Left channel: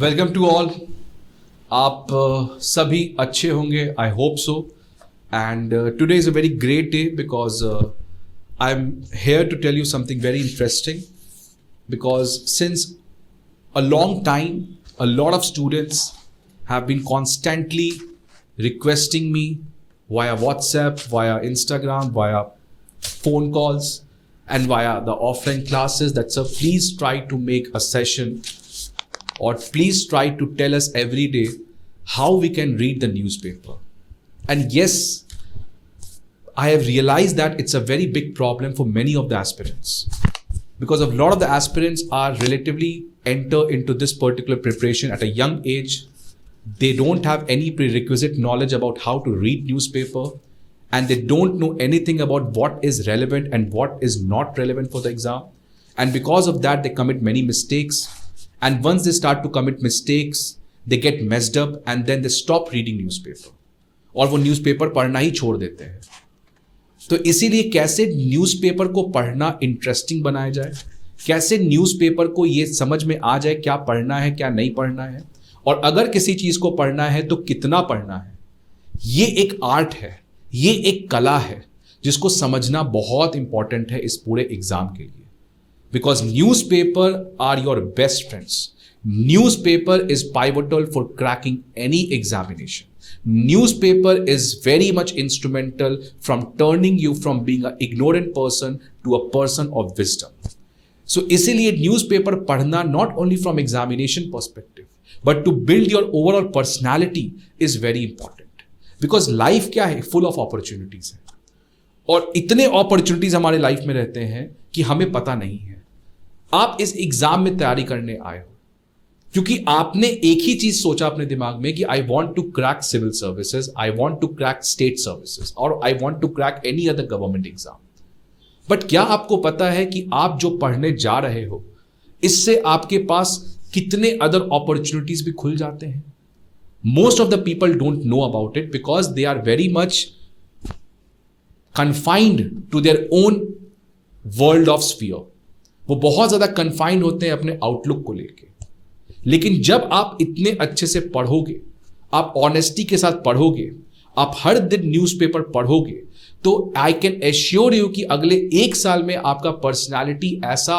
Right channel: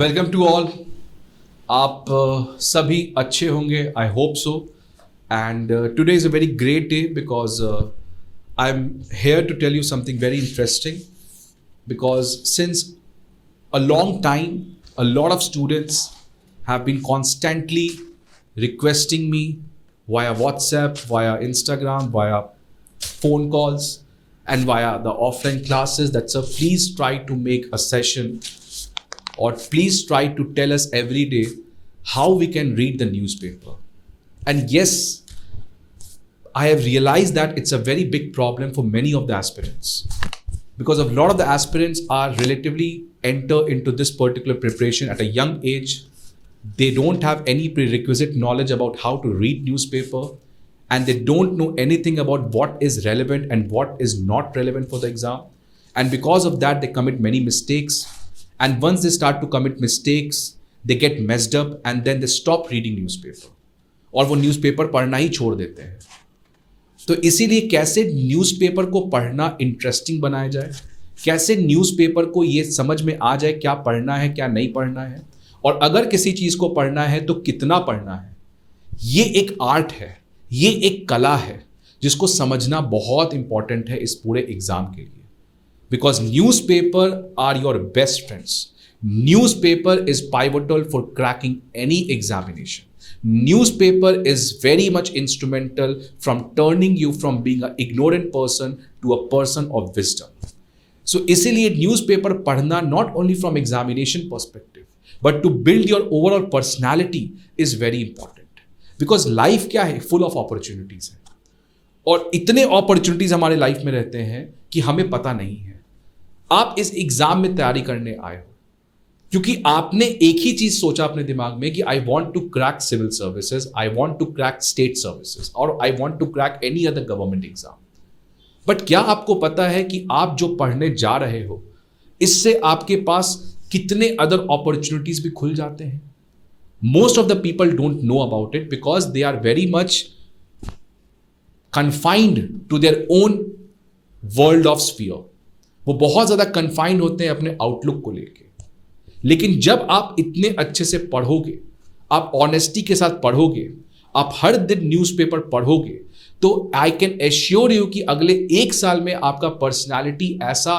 Welcome to all. आप सभी अच्छे होंगे, I hope so. And today is a very great day because I am here to tell you something very interesting because since a long time a lot of students have been constantly requesting me via WhatsApp, via Instagram, via phone calls and via the offline classes that sir please try to make a session or please try to tell us every day how we can read the newspaper. And yes, I have realized that it's a very big problem for many of the aspirants because a lot of the aspirants are relatively enter into this particular preparation at a young age. They don't have any prerequisite knowledge about how to read newspaper, and they don't know anything about what is relevant and what is not relevant for the exam. And because of that, they commit many mistakes. And once they start to commit mistakes, they get messed up and then they stop reading newspaper. और वो newspaper पढ़ना ही छोड़ देते हैं। तो इसीलिए कैसे newspaper को पढ़ना इंटरेस्टिंग बनाया जाए, कैसे न्यूज़पेपर को ये समझ में आ जाए क्या पढ़ना है क्या नहीं पढ़ना है, और अगर किसी चीज को पढ़ना है तो कितना पढ़ना है। ये एक आर्ट है, ये एक कला है जिसको समझना बहुत इंपॉर्टेंट है इस पूरे एग्जाम के लिए। Because newspaper are your best friends. Newspaper is pivotal for cracking any examination. Newspaper is very much instrumental from turning you from being an ignorant person to a person of wisdom. So इसीलिए newspaper पढ़ना not only from examination perspective but to build your overall personality is very important. Because life क्या है, full of opportunities है, और इतने opportunities हमारे life में रहते हैं कि हमें पता नहीं है। आप इस एग्जाम में तैयारी करने आए हो क्योंकि आपने एक ही चीज सोचा अपने दिमाग में कि I want to crack civil services, I want to crack state services, और I want to crack any other government exam. But क्या आपको पता है कि आप जो पढ़ने जा रहे हो इससे आपके पास कितने अदर अपॉर्चुनिटीज भी खुल जाते हैं? Most of the people don't know about it because they are very much confined to their own world of sphere. वो बहुत ज्यादा कन्फाइंड होते हैं अपने आउटलुक को लेके। लेकिन जब आप इतने अच्छे से पढ़ोगे, आप ऑनेस्टी के साथ पढ़ोगे, आप हर दिन न्यूज़पेपर पढ़ोगे, तो आई कैन एश्योर यू कि अगले एक साल में आपका पर्सनालिटी ऐसा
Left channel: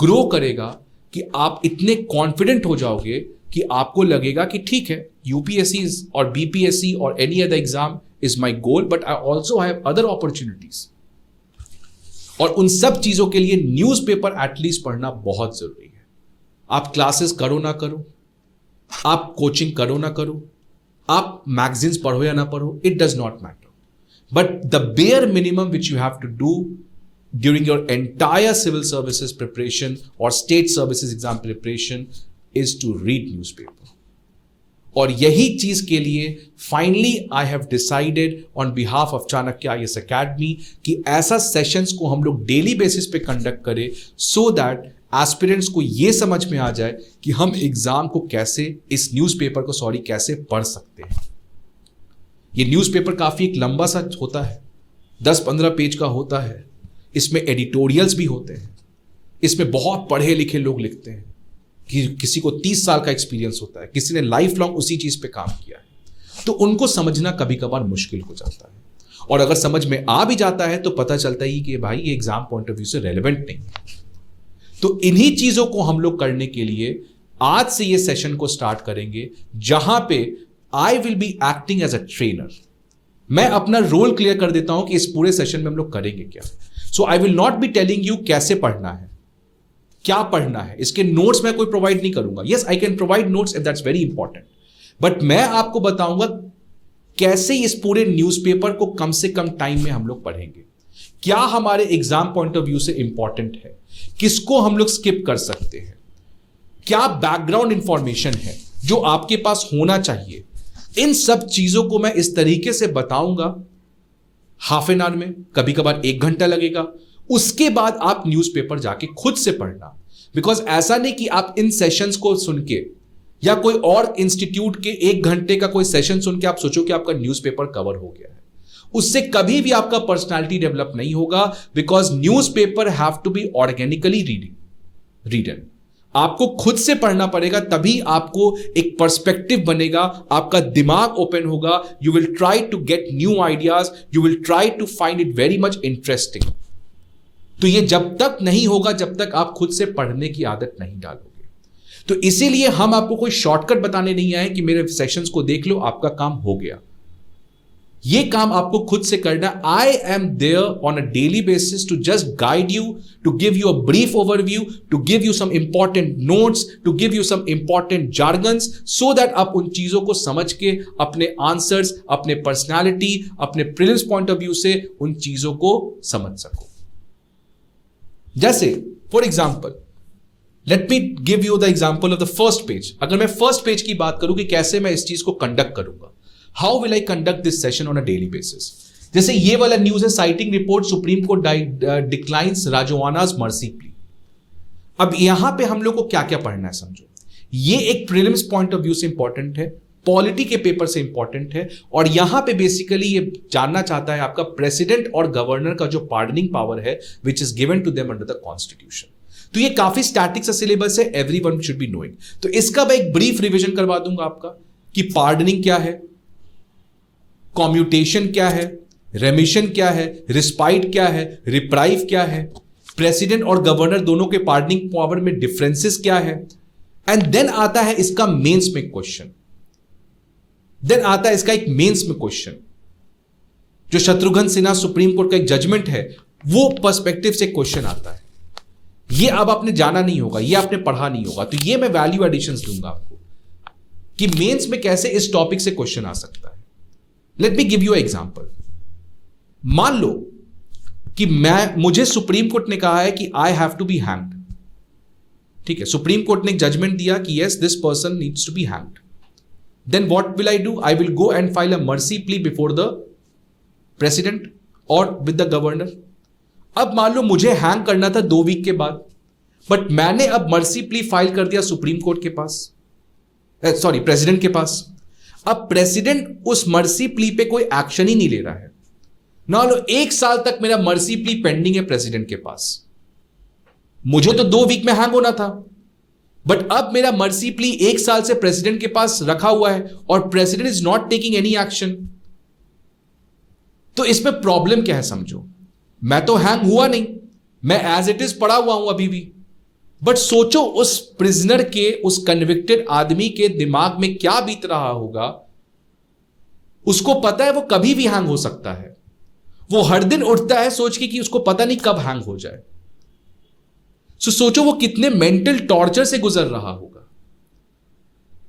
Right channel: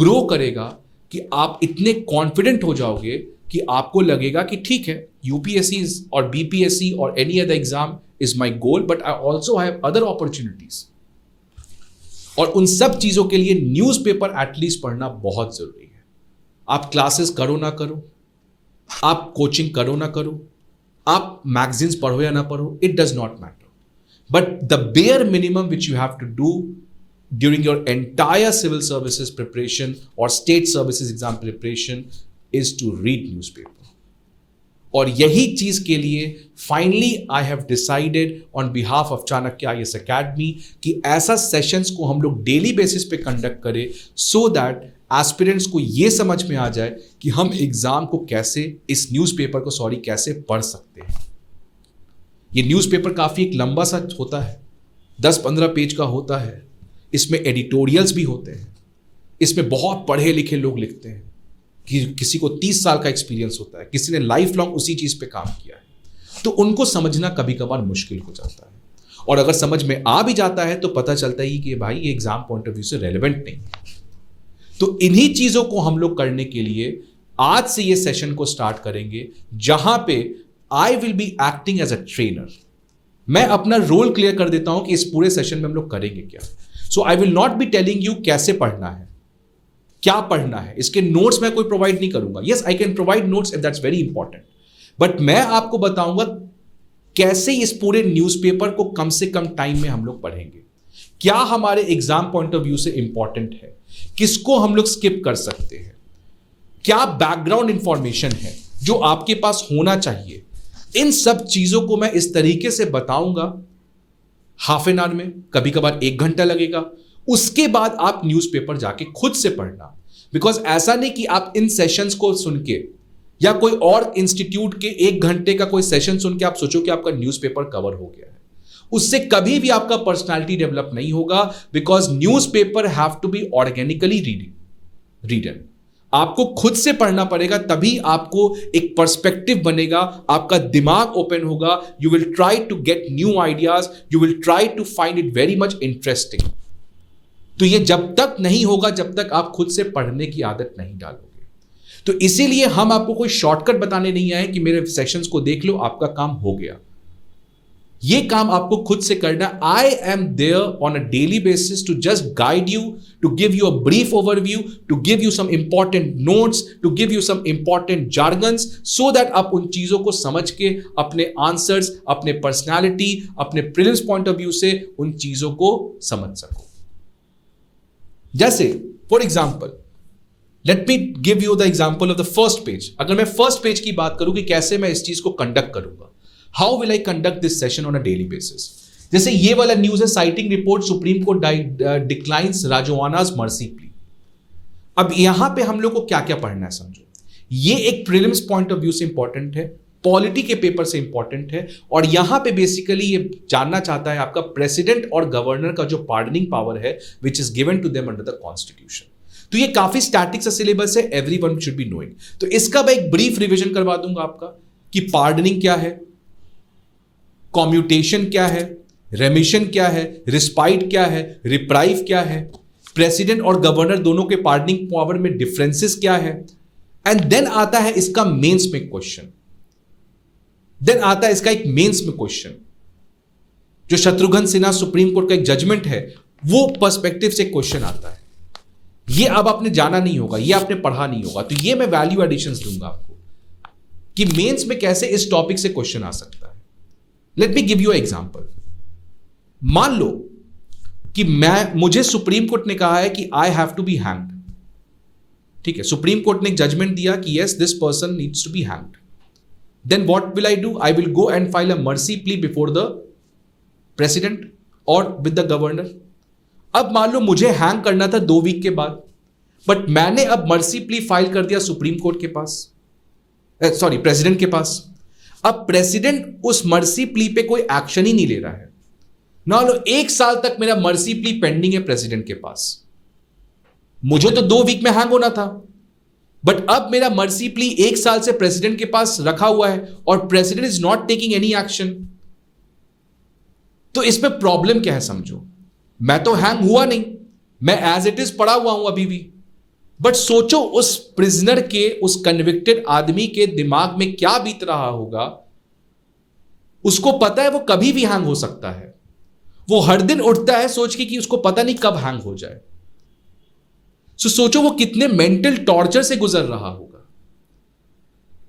ग्रो करेगा कि आप इतने कॉन्फिडेंट हो जाओगे कि आपको लगेगा कि ठीक है, यूपीएससी और बीपीएससी और any other exam is my goal, but I also have other opportunities. और उन सब चीजों के लिए न्यूज़पेपर एटलीस्ट पढ़ना बहुत जरूरी है। आप क्लासेस करो ना करो, आप कोचिंग करो ना करो, आप मैगजीन्स पढ़ो या ना पढ़ो, it does not matter, but the bare minimum which you have to do during your entire civil services preparation और state services exam preparation is to read newspaper. और यही चीज के लिए finally I have decided on behalf of Chanakya IAS academy कि ऐसा sessions को हम लोग डेली बेसिस पे कंडक्ट करें सो दैट एस्पिरेंट्स को यह समझ में आ जाए कि हम एग्जाम को कैसे, इस न्यूज़पेपर को कैसे पढ़ सकते हैं। ये न्यूज़पेपर काफी एक लंबा सा होता है, 10-15 पेज का होता है। इसमें एडिटोरियल्स भी होते हैं, इसमें बहुत पढ़े लिखे लोग लिखते हैं कि किसी को 30 साल का एक्सपीरियंस होता है, किसी ने लाइफ लॉन्ग उसी चीज पे काम किया है, तो उनको समझना कभी कभार मुश्किल हो जाता है। और अगर समझ में आ भी जाता है तो पता चलता ही कि भाई ये एग्जाम पॉइंट ऑफ व्यू से रेलेवेंट नहीं है। तो इन्हीं चीजों को हम लोग करने के लिए आज से ये सेशन को स्टार्ट करेंगे, जहां पे I will be acting as a trainer. मैं अपना रोल क्लियर कर देता हूं कि इस पूरे सेशन में हम लोग करेंगे क्या। So I will not be telling you कैसे पढ़ना है, क्या पढ़ना है, इसके नोट्स मैं कोई प्रोवाइड नहीं करूंगा। Yes, I can provide notes and that's very important, but मैं आपको बताऊंगा कैसे इस पूरे न्यूज़पेपर को कम से कम टाइम में हम लोग पढ़ेंगे, क्या हमारे एग्जाम पॉइंट ऑफ व्यू से इंपॉर्टेंट है, किसको हम लोग स्किप कर सकते हैं, क्या बैकग्राउंड इंफॉर्मेशन है जो आपके पास होना चाहिए। इन सब चीजों को मैं इस तरीके से बताऊंगा हाफ एन आवर में, कभी कभार 1 घंटा लगेगा। उसके बाद आप न्यूज़पेपर जाके खुद से पढ़ना। बिकॉज ऐसा नहीं कि आप इन सेशंस को सुन के या कोई और इंस्टीट्यूट के 1 घंटे का कोई सेशन सुन के आप सोचो कि आपका न्यूज़पेपर कवर हो गया है। उससे कभी भी आपका पर्सनालिटी डेवलप नहीं होगा, because newspaper have to be organically readen. आपको खुद से पढ़ना पड़ेगा, तभी आपको एक पर्सपेक्टिव बनेगा, आपका दिमाग ओपन होगा, you will try to get new ideas, you will try to find it very much interesting. तो ये जब तक नहीं होगा जब तक आप खुद से पढ़ने की आदत नहीं डालोगे। तो इसीलिए हम आपको कोई शॉर्टकट बताने नहीं आए कि मेरे सेशंस को देख लो आपका काम हो गया। ये काम आपको खुद से करना। I am there on a daily basis to just guide you, to give you a brief overview, to give you some important notes, to give you some important jargons, so that आप उन चीजों को समझ के अपने answers, अपने personality, अपने prelims point of view से उन चीजों को समझ सको। जैसे for example, let me give you the example of the first page. अगर मैं फर्स्ट पेज की बात करूं कि कैसे मैं इस चीज को कंडक्ट करूंगा, how will I conduct this session on a daily basis. जैसे ये वाला न्यूज है, citing report supreme court declines Rajoana's mercy plea. अब यहां पे हम लोग को क्या क्या पढ़ना है समझो। ये एक प्रीलिम्स पॉइंट ऑफ व्यू से इंपॉर्टेंट है, पॉलिटी के पेपर से इंपॉर्टेंट है, और यहां पे बेसिकली ये जानना चाहता है आपका प्रेसिडेंट और गवर्नर का जो पार्डनिंग पावर है which is given to them under the constitution. तो ये काफी स्टैटिक सा सिलेबस है, एवरीवन शुड बी नोइंग। तो इसका मैं एक ब्रीफ रिवीजन करवा दूंगा आपका कि पार्डनिंग क्या है, कॉम्यूटेशन क्या है, रेमिशन क्या है, रिस्पाइट क्या है, रिप्राइव क्या है, प्रेसिडेंट और गवर्नर दोनों के पार्डनिंग पावर में डिफरेंसेस क्या है, एंड देन आता है इसका मेंस में क्वेश्चन। देन आता है इसका एक मेंस में क्वेश्चन, जो शत्रुघ्न सिन्हा सुप्रीम कोर्ट का एक जजमेंट है, वो पर्सपेक्टिव से क्वेश्चन आता है। ये अब आपने जाना नहीं होगा, ये आपने पढ़ा नहीं होगा, तो ये मैं वैल्यू एडिशंस दूंगा आपको कि मेंस में कैसे इस टॉपिक से क्वेश्चन आ सकता है। Let me give you example. मान लो कि मुझे सुप्रीम कोर्ट ने कहा है कि I have to be hanged. ठीक है, सुप्रीम कोर्ट ने जजमेंट दिया कि yes this person needs to be hanged. Then what will I do? I will go and file a mercy plea before the president और with the governor. अब मान लो मुझे hang करना था 2 वीक के बाद, बट मैंने अब मर्सी प्ली फाइल कर दिया सुप्रीम कोर्ट के पास, सॉरी प्रेसिडेंट के पास। अब प्रेसिडेंट उस मर्सी प्ली पे कोई एक्शन ही नहीं ले रहा है। मान लो 1 साल तक मेरा मर्सी प्ली पेंडिंग है प्रेसिडेंट के पास। मुझे तो 2 वीक में हैंग होना था, बट अब मेरा मर्सी प्ली 1 साल से प्रेसिडेंट के पास रखा हुआ है और president is not taking any action. तो इसमें प्रॉब्लम क्या है समझो। मैं तो हैंग हुआ नहीं, मैं एज इट इज पड़ा हुआ हूं अभी भी, बट सोचो उस प्रिजनर के, उस कन्विक्टेड आदमी के दिमाग में क्या बीत रहा होगा। उसको पता है वो कभी भी हैंग हो सकता है, वो हर दिन उठता है सोच के कि उसको पता नहीं कब हैंग हो जाए। सो सोचो वो कितने मेंटल टॉर्चर से गुजर रहा होगा।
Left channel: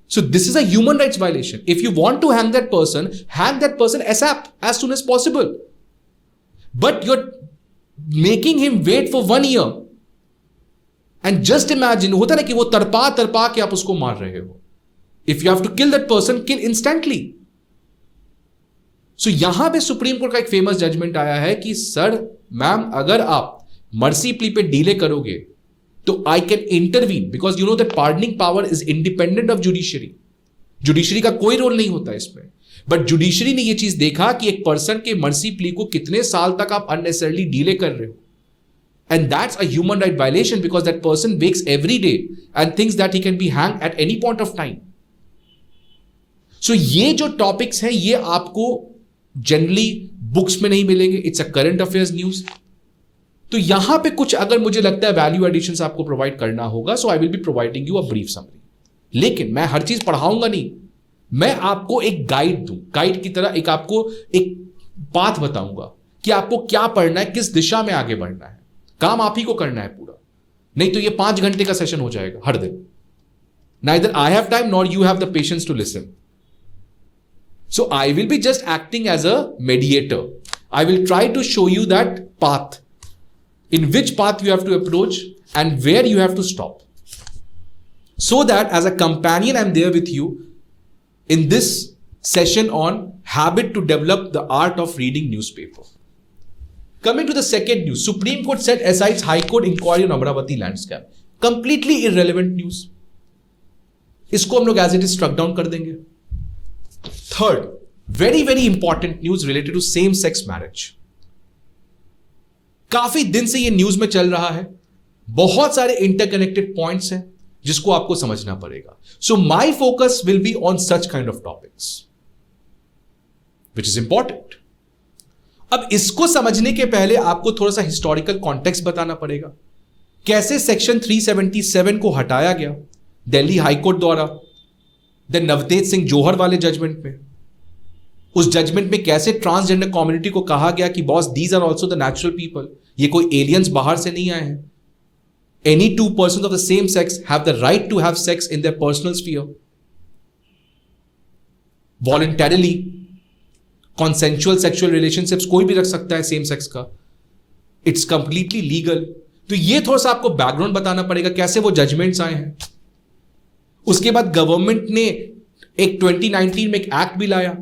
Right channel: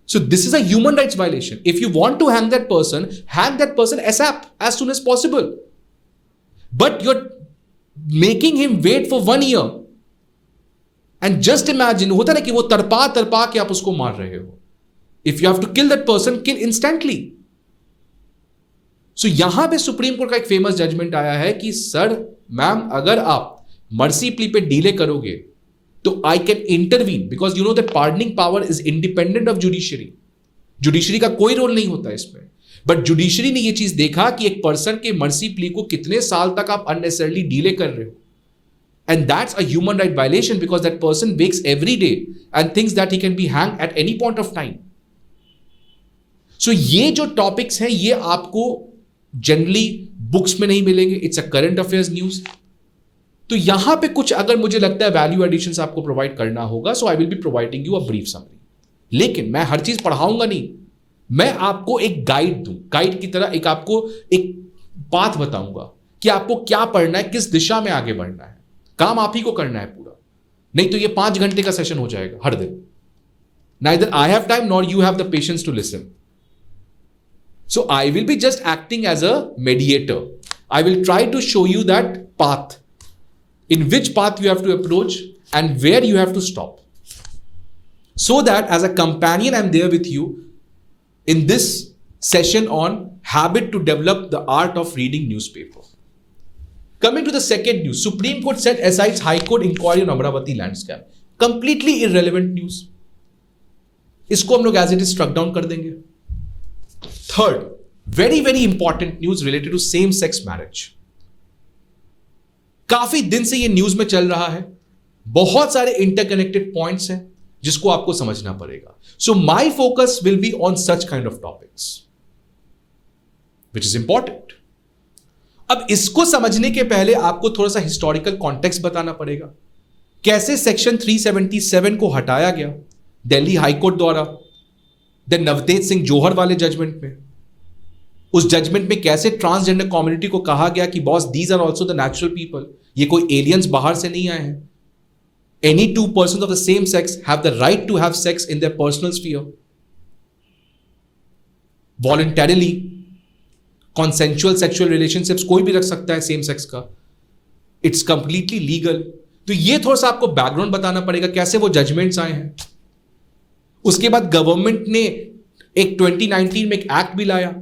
So this is a human rights violation. If you want to hang that person ASAP, as soon as possible. But you're making him wait for 1 year. And just imagine, होता है कि वो तड़पा के आप उसको मार रहे हो. If you have to kill that person, kill instantly. So यहां पे सुप्रीम कोर्ट का एक फेमस जजमेंट आया है कि सर, मैम, अगर आप मर्सी प्ली पे डीले करोगे तो I can intervene, because you know that pardoning power is independent of judiciary. Judiciary का कोई रोल नहीं होता इसमें, बट जुडिशरी ने ये चीज देखा कि एक पर्सन के मर्सी प्ली को कितने साल तक आप अननेसेसरली डीले कर रहे हो, and that's a human right violation because that person wakes every day and thinks that he can be hang at any point of time. So ये जो टॉपिक्स है ये आपको जनरली बुक्स में नहीं मिलेंगे, it's a current affairs news. तो यहां पे कुछ अगर मुझे लगता है वैल्यू एडिशंस आपको प्रोवाइड करना होगा, so I will be providing you a brief summary. लेकिन मैं हर चीज पढ़ाऊंगा नहीं, मैं आपको एक गाइड दूं, गाइड की तरह एक आपको एक पाथ बताऊंगा कि आपको क्या पढ़ना है, किस दिशा में आगे बढ़ना है। काम आप ही को करना है पूरा, नहीं तो ये 5 घंटे का सेशन हो जाएगा हर दिन। Neither I have time nor you have the patience to listen. So I will be just acting as a mediator. I will try to show you that path, in which path you have to approach and where you have to stop. So that as a companion, I'm there with you in this session on habit to develop the art of reading newspaper. Coming to the second news, Supreme Court set asides High Court inquiry on Amravati land scam. Completely irrelevant news. इसको हम लोग as it is struck down कर देंगे. Third, very very important news related to same sex marriage. काफी दिन से ये news में चल रहा है, बहुत सारे इंटरकनेक्टेड पॉइंट्स हैं जिसको आपको समझना पड़ेगा. So my focus will be on such kind of topics which is important. अब इसको समझने के पहले आपको थोड़ा सा हिस्टोरिकल कॉन्टेक्स्ट बताना पड़ेगा. कैसे सेक्शन 377 को हटाया गया दिल्ली हाईकोर्ट द्वारा नवतेज सिंह जोहर वाले जजमेंट में. उस जजमेंट में कैसे ट्रांसजेंडर कम्युनिटी को कहा गया कि boss these are also the natural people, ये कोई एलियंस बाहर से नहीं आए हैं. Any two persons of the same sex have the right to have sex in their personal sphere. Voluntarily, consensual sexual relationships कोई भी रख सकता है same sex का. It's completely legal. तो ये थोड़ा सा आपको बैकग्राउंड बताना पड़ेगा कैसे वो जजमेंट्स आए हैं. उसके बाद गवर्नमेंट ने एक 2019 में एक एक्ट भी लाया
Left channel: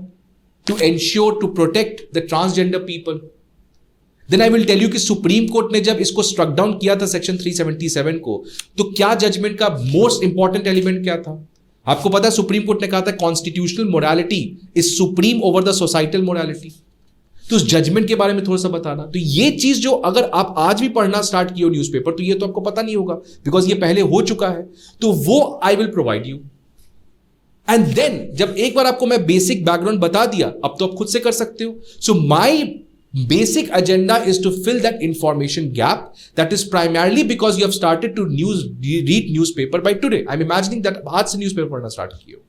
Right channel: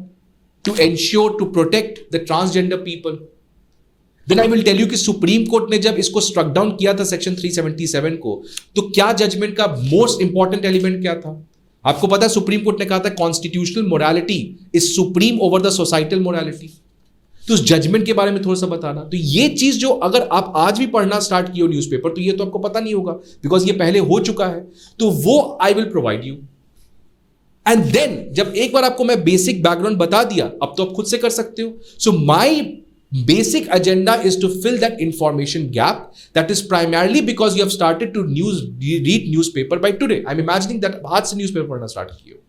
to ensure to protect the transgender people. Then I will tell you कि सुप्रीम कोर्ट ने जब इसको स्ट्रक डाउन किया था सेक्शन 377 को, तो क्या जजमेंट का मोस्ट इंपॉर्टेंट एलिमेंट क्या था? आपको पता है सुप्रीम कोर्ट ने कहा था constitutional morality is supreme over the societal morality. तो उस जजमेंट के बारे में थोड़ा सा बताना. तो ये चीज जो अगर आप आज भी पढ़ना स्टार्ट किए हो न्यूज़पेपर, तो ये तो आपको पता नहीं होगा बिकॉज ये पहले हो चुका है. तो वो I will provide you. And then जब एक बार आपको मैं बेसिक बैकग्राउंड बता दिया, अब तो आप खुद से कर सकते हो. सो माई basic agenda is to fill that information gap. That is primarily because you have started to read newspaper by today. I'm imagining that आज से newspaper पढ़ना start किए हो.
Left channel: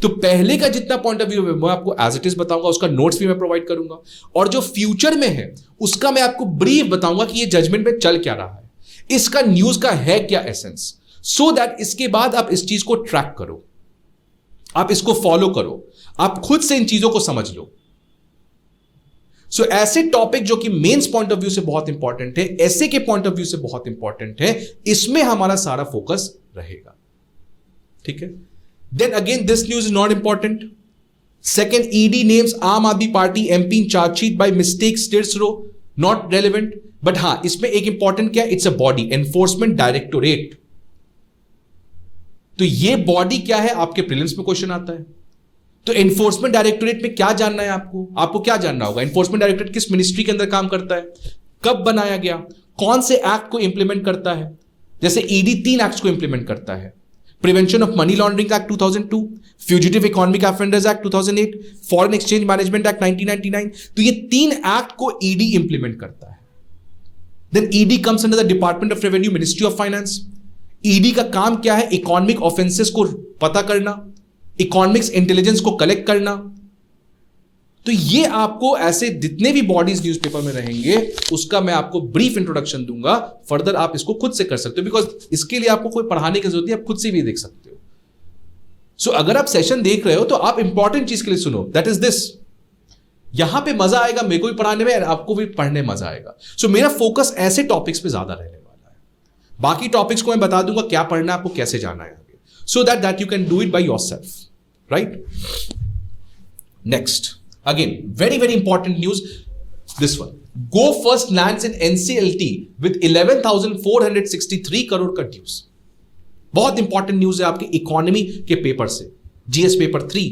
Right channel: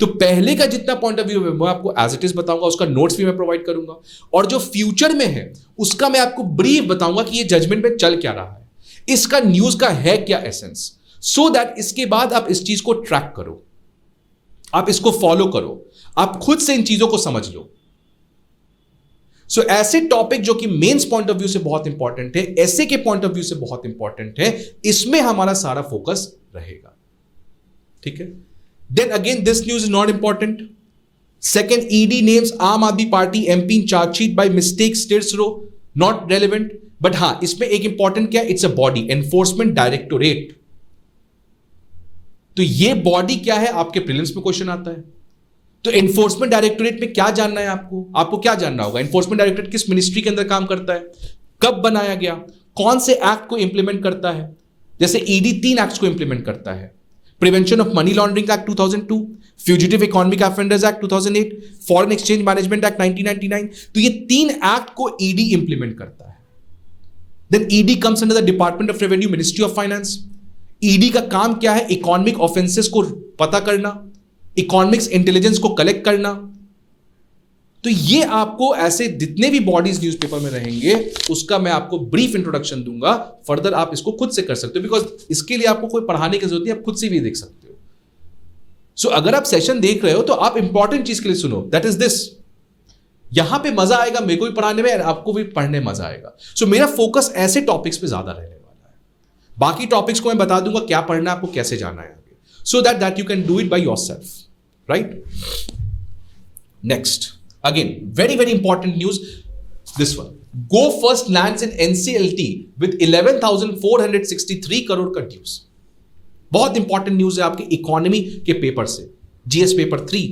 तो पहले का जितना पॉइंट ऑफ व्यू है मैं आपको एज इट इज बताऊंगा, उसका नोट्स भी मैं प्रोवाइड करूंगा, और जो फ्यूचर में है उसका मैं आपको ब्रीफ बताऊंगा कि ये जजमेंट में चल क्या रहा है, इसका न्यूज का है क्या एसेंस, सो दैट इसके बाद आप इस चीज को ट्रैक करो, आप इसको फॉलो करो, आप खुद से इन चीजों को समझ लो. सो ऐसे टॉपिक जो कि मेंस पॉइंट ऑफ व्यू से बहुत इंपॉर्टेंट है, ऐसे के पॉइंट ऑफ व्यू से बहुत इंपॉर्टेंट है, इसमें हमारा सारा फोकस रहेगा. ठीक है. Then again this news is not important. Second, ED names Aam Aadmi Party MP in chargesheet by mistake states लो, नॉट रेलेवेंट. बट हां, इसमें एक इंपॉर्टेंट क्या है, it's a body, enforcement directorate. तो ये बॉडी क्या है, आपके प्रीलिम्स में क्वेश्चन आता है. तो एनफोर्समेंट डायरेक्टोरेट में क्या जानना है आपको क्या जानना होगा. एनफोर्समेंट डायरेक्टोरेट किस मिनिस्ट्री के अंदर काम करता है, कब बनाया गया, कौन से एक्ट को इंप्लीमेंट करता है. जैसे ईडी 3 एक्ट्स को इंप्लीमेंट करता है. Prevention of money laundering act 2002, fugitive economic offenders act 2008, foreign exchange management act 1999. तो ये 3 एक्ट को ईडी इंप्लीमेंट करता है. Then ED comes under the department of revenue, ministry of finance. ED का काम क्या है, इकोनॉमिक ऑफेंसेस को पता करना, इकोनॉमिक्स इंटेलिजेंस को कलेक्ट करना. तो ये आपको ऐसे जितने भी बॉडीज न्यूज़पेपर में रहेंगे उसका मैं आपको ब्रीफ इंट्रोडक्शन दूंगा. फर्दर आप इसको खुद से कर सकते हो, बिकॉज इसके लिए आपको कोई पढ़ाने की जरूरत नहीं, आप खुद से भी देख सकते हो. सो अगर आप सेशन देख रहे हो तो आप इंपॉर्टेंट चीज के लिए सुनो, दैट इज दिस. यहां पे मजा आएगा, मेरे को भी पढ़ाने में, आपको भी पढ़ने में मजा आएगा. सो मेरा फोकस ऐसे टॉपिक्स पे ज्यादा रहने वाला है. बाकी टॉपिक्स को मैं बता दूंगा क्या पढ़ना है, आपको कैसे जाना है, so that you can do it by yourself, right? Next, again, very very important news, this one. Go First lands in NCLT with 11,463 crore का न्यूज. बहुत इंपॉर्टेंट न्यूज है आपके इकोनॉमी के पेपर से, जीएस पेपर 3.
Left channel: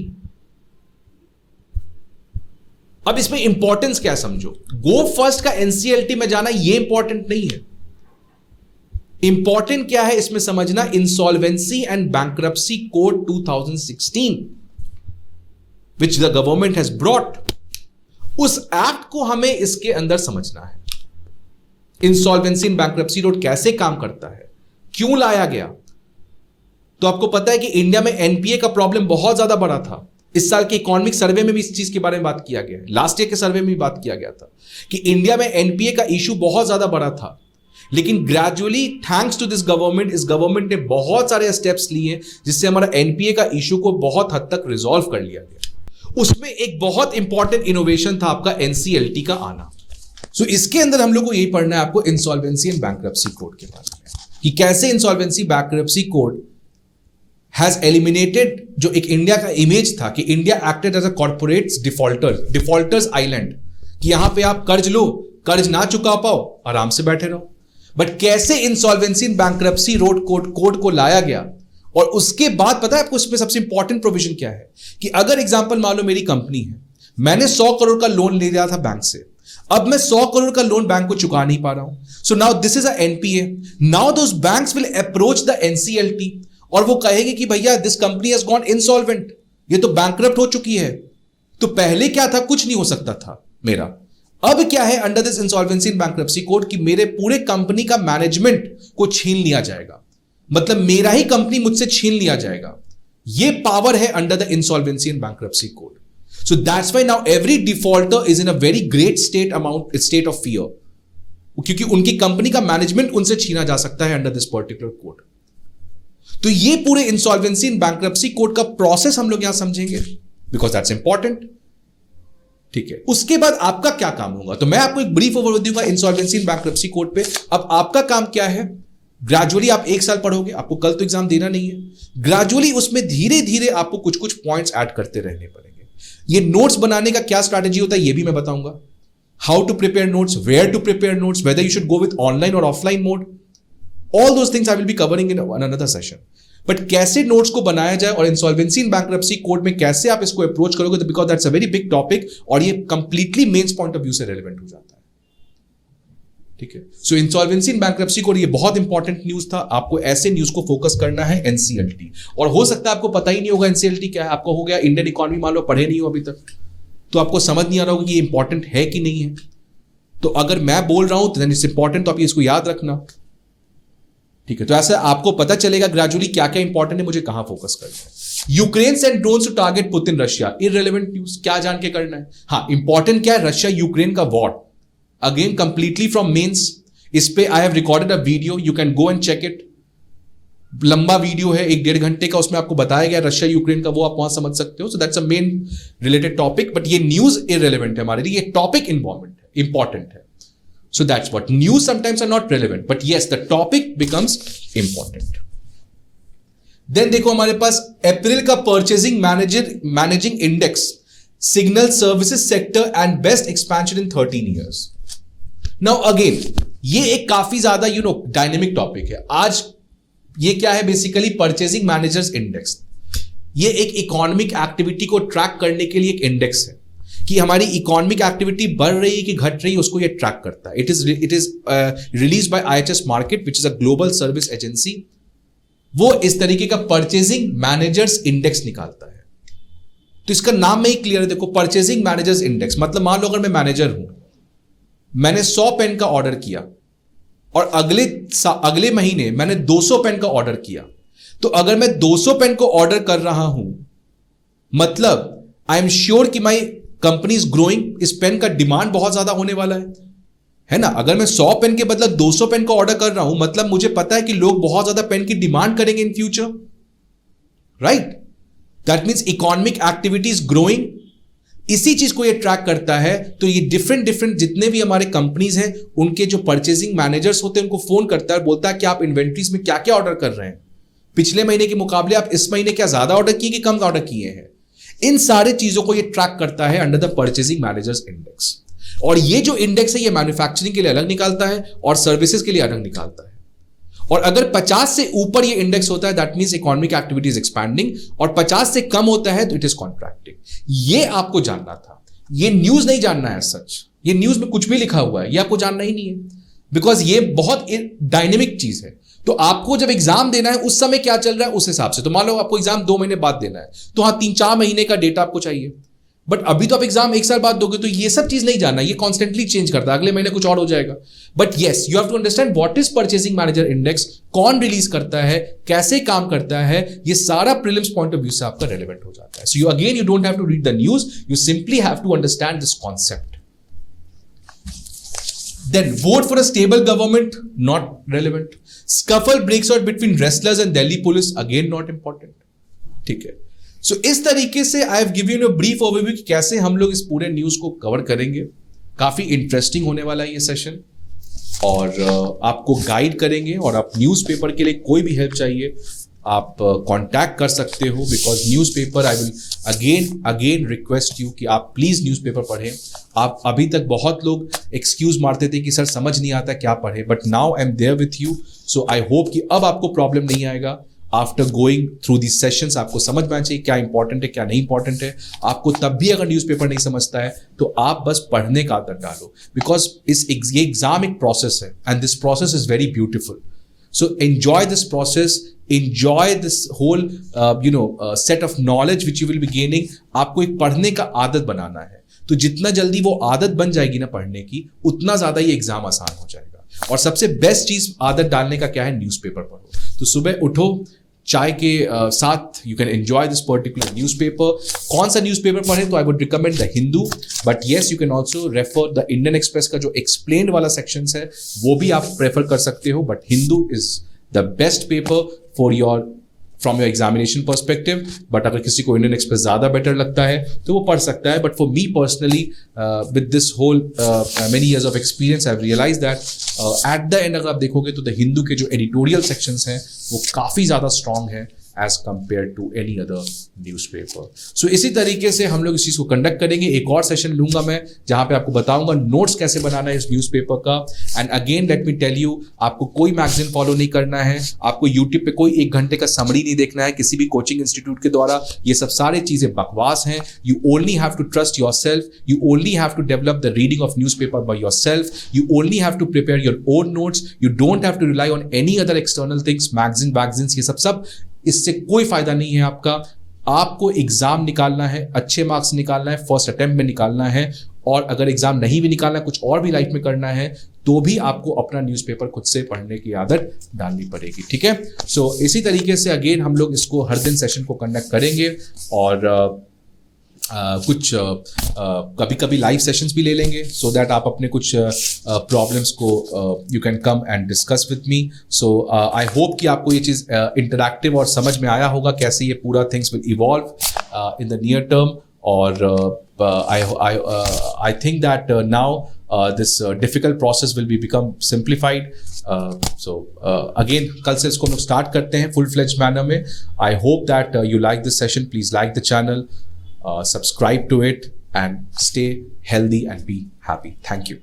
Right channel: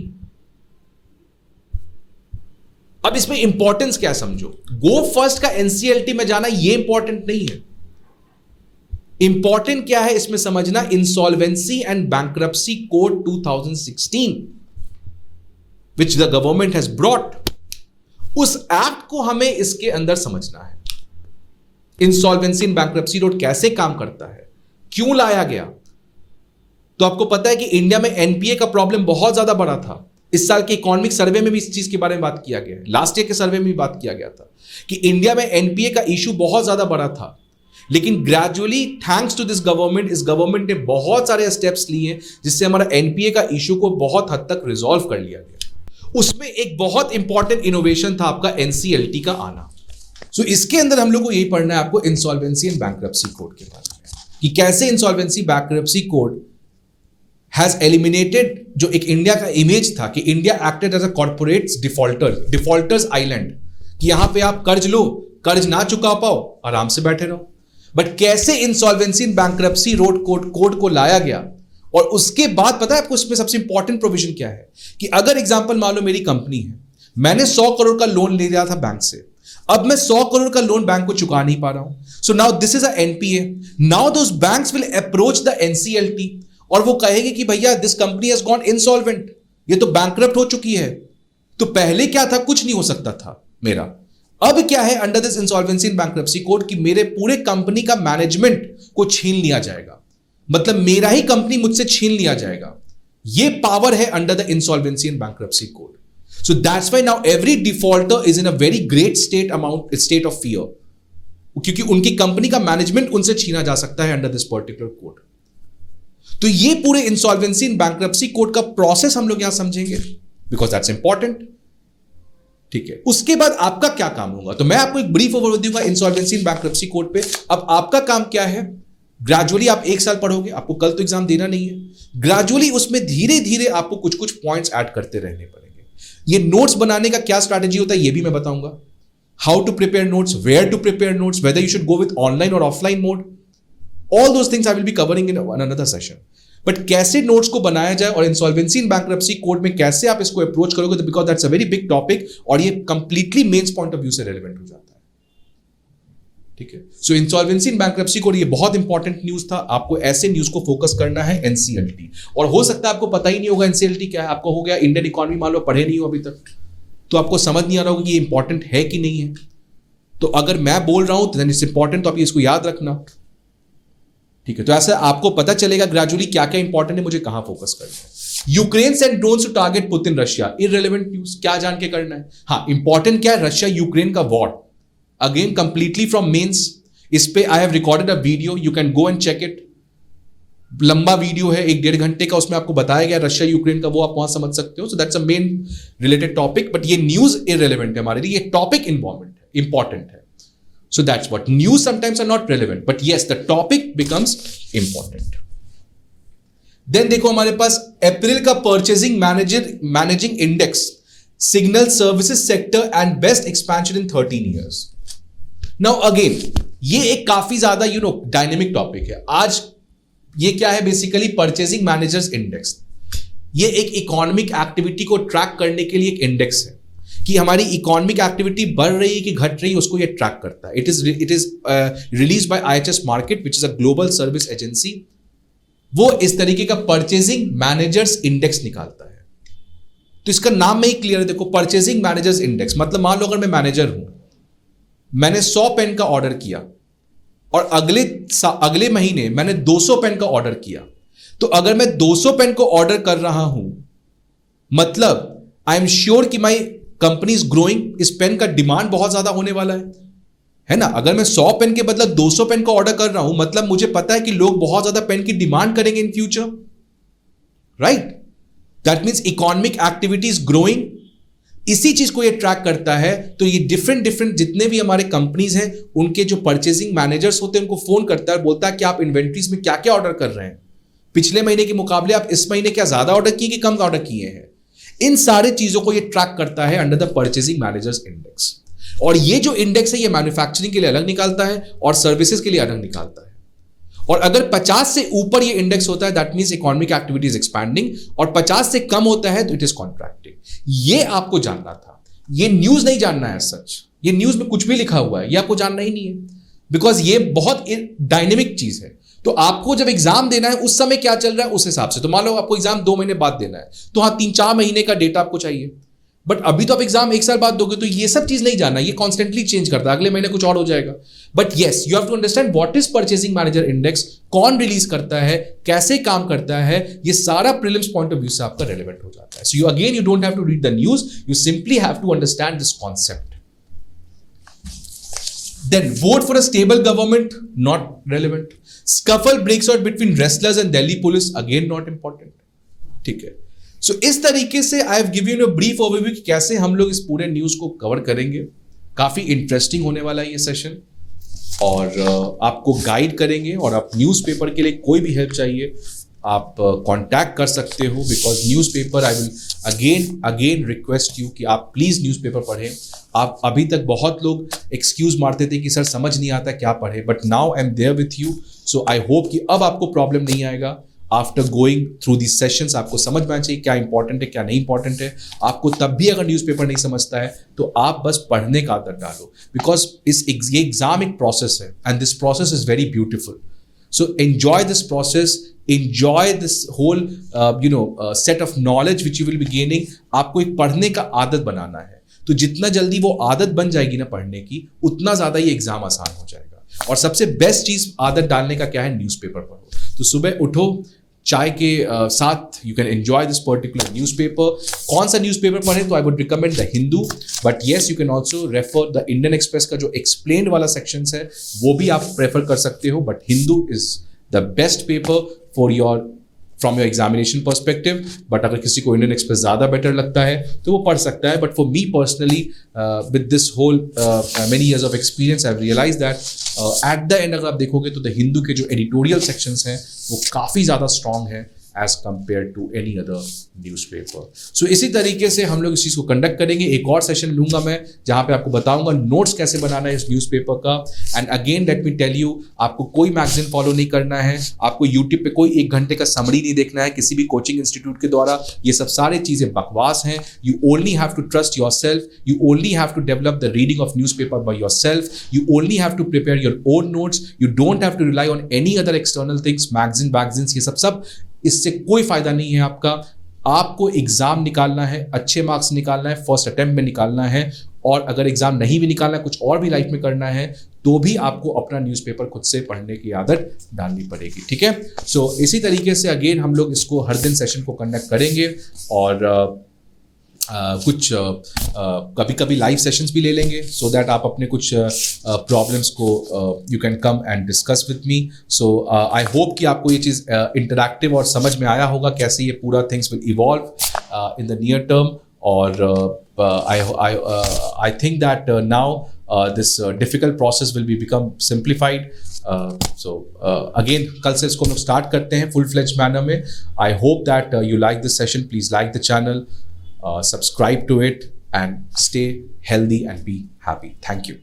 अब इसमें importance क्या समझो. गो फर्स्ट का एनसीएलटी में जाना ये इंपॉर्टेंट नहीं है. इंपॉर्टेंट क्या है इसमें समझना, insolvency and bankruptcy code 2016 which the government has brought. उस एक्ट को हमें इसके अंदर समझना है. इंसॉल्वेंसी एंड बैंक्रप्सी कोड कैसे काम करता है, क्यों लाया गया. तो आपको पता है कि इंडिया में एनपीए का प्रॉब्लम बहुत ज्यादा बड़ा था. इस साल के इकोनॉमिक सर्वे में भी इस चीज के बारे में बात किया गया, लास्ट ईयर के सर्वे में भी बात किया गया था कि इंडिया में एनपीए का इशू बहुत ज्यादा बड़ा था. लेकिन gradually thanks to this government, इस गवर्नमेंट ने बहुत सारे स्टेप्स लिए जिससे हमारा एनपीए का इशू को बहुत हद तक रिजॉल्व कर लिया गया. उसमें एक बहुत इंपॉर्टेंट इनोवेशन था आपका एनसीएलटी का आना. सो इसके अंदर हम लोग को यही पढ़ना है आपको इंसॉल्वेंसी एंड बैंक्रप्सी कोड के बारे में, कि कैसे insolvency bankruptcy code has eliminated जो एक इंडिया का इमेज था कि India acted as a corporate defaulters island, कि यहां पे आप कर्ज लो, कर्ज ना चुका पाओ, आराम से बैठे रहो. बट कैसे इंसॉल्वेंसी एंड बैंक्रप्सी कोड को लाया गया, और उसके बाद पता है आपको इसमें सबसे इंपॉर्टेंट प्रोविजन क्या है, कि अगर एग्जांपल मान लो मेरी कंपनी है, मैंने 100 करोड़ का लोन ले लिया था बैंक से, अब मैं 100 करोड़ का लोन बैंक को चुका नहीं पा रहा हूं, so now this is a NPA. Now those banks will approach the NCLT और वो कहेगी कि भैया this company has gone insolvent, ये तो बैंकरप्ट हो चुकी है। तो पहले क्या था, कुछ नहीं हो सकता था मेरा। अब क्या है, under this insolvency and bankruptcy code कि मेरे पूरे कंपनी का मैनेजमेंट को छीन लिया जाएगा, मतलब मेरा ही कंपनी मुझसे छीन लिया जाएगा। ये पावर है under the insolvency and bankruptcy code. So that's why now every defaulter is in a very great state of fear, क्योंकि उनकी कंपनी का मैनेजमेंट उनसे छीना जा सकता है अंडर दिस पर्टिकुलर कोड। तो ये पूरे इंसॉल्वेंसी एंड बैंक्रप्सी कोड का प्रोसेस हम लोग यहां समझेंगे, बिकॉज दैट्स इंपॉर्टेंट। ठीक है, उसके बाद आपका क्या काम होगा, तो मैं आपको एक ब्रीफ ओवरव्यू दूंगा इंसॉल्वेंसी एंड बैंक्रप्सी कोड पे। अब आपका काम क्या है, ग्रेजुअली आप 1 साल पढ़ोगे, आपको कल तो एग्जाम देना नहीं है। ग्रेजुअली उसमें धीरे धीरे आपको कुछ कुछ पॉइंट्स ऐड करते रहने पड़ेंगे। ये नोट्स बनाने का क्या स्ट्रैटेजी होता है ये भी मैं बताऊंगा। How to prepare notes, where to prepare notes, whether you should go with online और offline mode, all those things I will be covering in another session. But कैसे नोट्स को बनाया जाए और इंसॉल्वेंसी एंड बैंक्रप्सी कोड में कैसे आप इसको अप्रोच करोगे, because that's a very big topic और ये completely mains point of view से रेलेवेंट हो जाता है। ठीक है, so insolvency and bankruptcy code ये बहुत इंपॉर्टेंट न्यूज था। आपको ऐसे न्यूज को फोकस करना है एनसीएलटी, और हो सकता है आपको पता ही नहीं होगा एनसीएलटी क्या है। आपको हो गया इंडियन इकोनॉमी, मान लो पढ़े नहीं हो अभी तक, तो आपको समझ नहीं आ रहा होगा कि ये इंपॉर्टेंट है कि नहीं है। तो अगर मैं बोल रहा हूं तो इट्स इंपॉर्टेंट, तो आप इसको याद रखना। ठीक है, तो ऐसे आपको पता चलेगा ग्रेजुअली क्या क्या इंपॉर्टेंट है, मुझे कहां फोकस करना है। Ukraine send drones to target Putin Russia, irrelevant news, क्या जान के करना है। हाँ, इंपॉर्टेंट क्या है, रशिया यूक्रेन का war, again completely from mains. इस पे I have recorded a video, you can go and check it. लंबा वीडियो है, 1-1.5 घंटे का, उसमें आपको बताया गया रशिया यूक्रेन का, वो आप वहां समझ सकते हो। So that's a main related topic, but ये न्यूज इररिलेवेंट है हमारे लिए, ये टॉपिक इंपॉर्टेंट है। So that's what news sometimes are not relevant, but yes, the topic becomes important. Then देखो हमारे पास अप्रैल का managing index, signal services sector and best expansion in 13 years. Now again, ये एक काफी ज्यादा डायनेमिक टॉपिक है। आज ये क्या है, बेसिकली परचेजिंग मैनेजर्स इंडेक्स। ये एक इकोनॉमिक एक्टिविटी को ट्रैक करने के लिए एक इंडेक्स है कि हमारी इकोनॉमिक एक्टिविटी बढ़ रही है कि घट रही है, उसको ये ट्रैक करता है। It is released by IHS market, which is a global service agency. वो इस तरीके का परचेजिंग मैनेजर्स इंडेक्स निकालता है। तो इसका नाम में ही क्लियर है, देखो परचेजिंग मैनेजर्स इंडेक्स, मतलब मान लो अगर मैं मैनेजर हूं, मैंने 100 पेन का ऑर्डर किया और अगले महीने मैंने 200 पेन का ऑर्डर किया, तो अगर मैं 200 पेन को ऑर्डर कर रहा हूं, मतलब आई एम श्योर कि माई कंपनी इज ग्रोइंग, इस पेन का डिमांड बहुत ज्यादा होने वाला है ना। अगर मैं 100 पेन के बदले 200 पेन का ऑर्डर कर रहा हूं, मतलब मुझे पता है कि लोग बहुत ज्यादा पेन की डिमांड करेंगे in future, right. That means economic activity is growing. इसी चीज को ये ट्रैक करता है। तो ये डिफरेंट जितने भी हमारे कंपनीज हैं, उनके जो परचेजिंग मैनेजर्स होते हैं, उनको फोन करता है, बोलता है कि आप इन्वेंट्रीज में क्या क्या ऑर्डर कर रहे हैं, पिछले महीने के मुकाबले आप इस महीने क्या ज्यादा ऑर्डर किए कि कम ऑर्डर किए हैं। इन सारे चीजों को ये ट्रैक करता है under the purchasing managers index. और ये जो इंडेक्स है, ये मैन्युफैक्चरिंग के लिए अलग निकालता है और सर्विसेज के लिए अलग निकालता है। और अगर 50 से ऊपर ये इंडेक्स होता है, that means economic activity is expanding, और 50 से कम होता है तो इट इज कॉन्ट्रैक्टिंग। ये आपको जानना था, ये न्यूज नहीं जानना है सच। ये न्यूज में कुछ भी लिखा हुआ है, ये आपको जानना ही नहीं है, बिकॉज ये बहुत डायनेमिक चीज है। तो आपको जब एग्जाम देना है, उस समय क्या चल रहा है उस हिसाब से। तो मान लो आपको एग्जाम 2 महीने बाद देना है, तो हाँ 3-4 महीने का डेटा आपको चाहिए। बट अभी तो आप एग्जाम 1 साल बाद दोगे, तो ये सब चीज नहीं जानना, ये कॉन्स्टेंटली चेंज करता है, अगले महीने कुछ और हो जाएगा। But yes, you have to understand what is purchasing manager index, कौन रिलीज करता है, कैसे काम करता है, ये सारा प्रीलिम्स पॉइंट ऑफ व्यू से आपका रेलेवेंट हो जाता है। So you don't have to read the news, you simply have to understand this concept. Then vote for a stable government, not relevant. Scuffle breaks out between wrestlers and Delhi police, again not important. ठीक है, सो इस तरीके से I have given you a brief overview कि कैसे हम लोग इस पूरे न्यूज को कवर करेंगे। काफी इंटरेस्टिंग होने वाला है ये सेशन, और आपको गाइड करेंगे। और आप न्यूज़पेपर के लिए कोई भी हेल्प चाहिए, आप कांटेक्ट कर सकते हो, because newspaper I will again request you कि आप प्लीज न्यूज़पेपर पढ़ें। आप अभी तक बहुत लोग एक्सक्यूज मारते थे कि सर समझ नहीं आता क्या पढ़े, but now I am there with you. So I hope कि अब आपको प्रॉब्लम नहीं आएगा। After going through the sessions आपको समझ में आना चाहिए क्या इंपॉर्टेंट है क्या नहीं इंपॉर्टेंट है। आपको तब भी अगर न्यूज़पेपर नहीं समझता है तो आप बस पढ़ने का आदत डालो, बिकॉज ये एग्जाम एक प्रोसेस है and this process is very beautiful. So enjoy this process, enjoy this whole set of knowledge which you will be gaining। आपको एक पढ़ने का आदत बनाना है, तो जितना जल्दी वो आदत बन जाएगी ना पढ़ने की, उतना ज्यादा ये एग्जाम आसान हो जाएगा। और सबसे बेस्ट चीज आदत डालने का क्या है, न्यूज़पेपर पढ़ो। तो सुबह उठो, चाय के साथ you can enjoy this particular newspaper. कौन सा न्यूज़पेपर पढ़ें, तो I would recommend the Hindu, but yes you can also refer the Indian express का जो एक्सप्लेन वाला सेक्शन है वो भी आप प्रेफर कर सकते हो, but Hindu is the best paper for your from your examination perspective. But अगर किसी को इंडियन एक्सप्रेस ज्यादा बेटर लगता है तो वो पढ़ सकता है। But for me personally with this whole many years of experience I have realised that at the end अगर आप देखोगे तो द हिंदू के जो एडिटोरियल सेक्शंस हैं वो काफी ज्यादा स्ट्रांग है as compared to any other newspaper। So इसी तरीके से हम लोग इस चीज को कंडक्ट करेंगे। एक और सेशन लूंगा मैं जहां पे आपको बताऊंगा नोट्स कैसे बनाना है इस न्यूज़पेपर का। And again let me tell you, आपको कोई मैगजीन फॉलो नहीं करना है, आपको यूट्यूब पे कोई 1 घंटे का समरी नहीं देखना है किसी भी कोचिंग इंस्टीट्यूट के द्वारा। ये सब सारी चीजें बकवास हैं। You only have to trust yourself, you only have to develop the reading of newspaper by yourself, you only have to prepare your own notes, you don't have to rely on any other external things, magazine ये सब इससे कोई फायदा नहीं है आपका। आपको exam निकालना है, अच्छे मार्क्स निकालना है, फर्स्ट अटेम्प्ट में निकालना है। और अगर एग्जाम नहीं भी निकालना है, कुछ और भी लाइफ में करना है, तो भी आपको अपना न्यूज़पेपर खुद से पढ़ने की आदत डालनी पड़ेगी, ठीक है। सो इसी तरीके से अगेन हम लोग इसको हर दिन सेशन को कंडक्ट करेंगे और कुछ कभी कभी लाइव सेशंस भी ले लेंगे, सो दैट आप अपने कुछ प्रॉब्लम्स को you can come and discuss with me. So I hope कि आपको ये चीज इंटरैक्टिव और समझ में आया होगा कैसे ये पूरा things will evolve in the near term. और I think that now this difficult process will be become simplified। So again कल से इसको स्टार्ट करते हैं full fledged manner में। I hope that you like this session। Please like the channel, subscribe to it, and stay healthy and be happy। Thank you।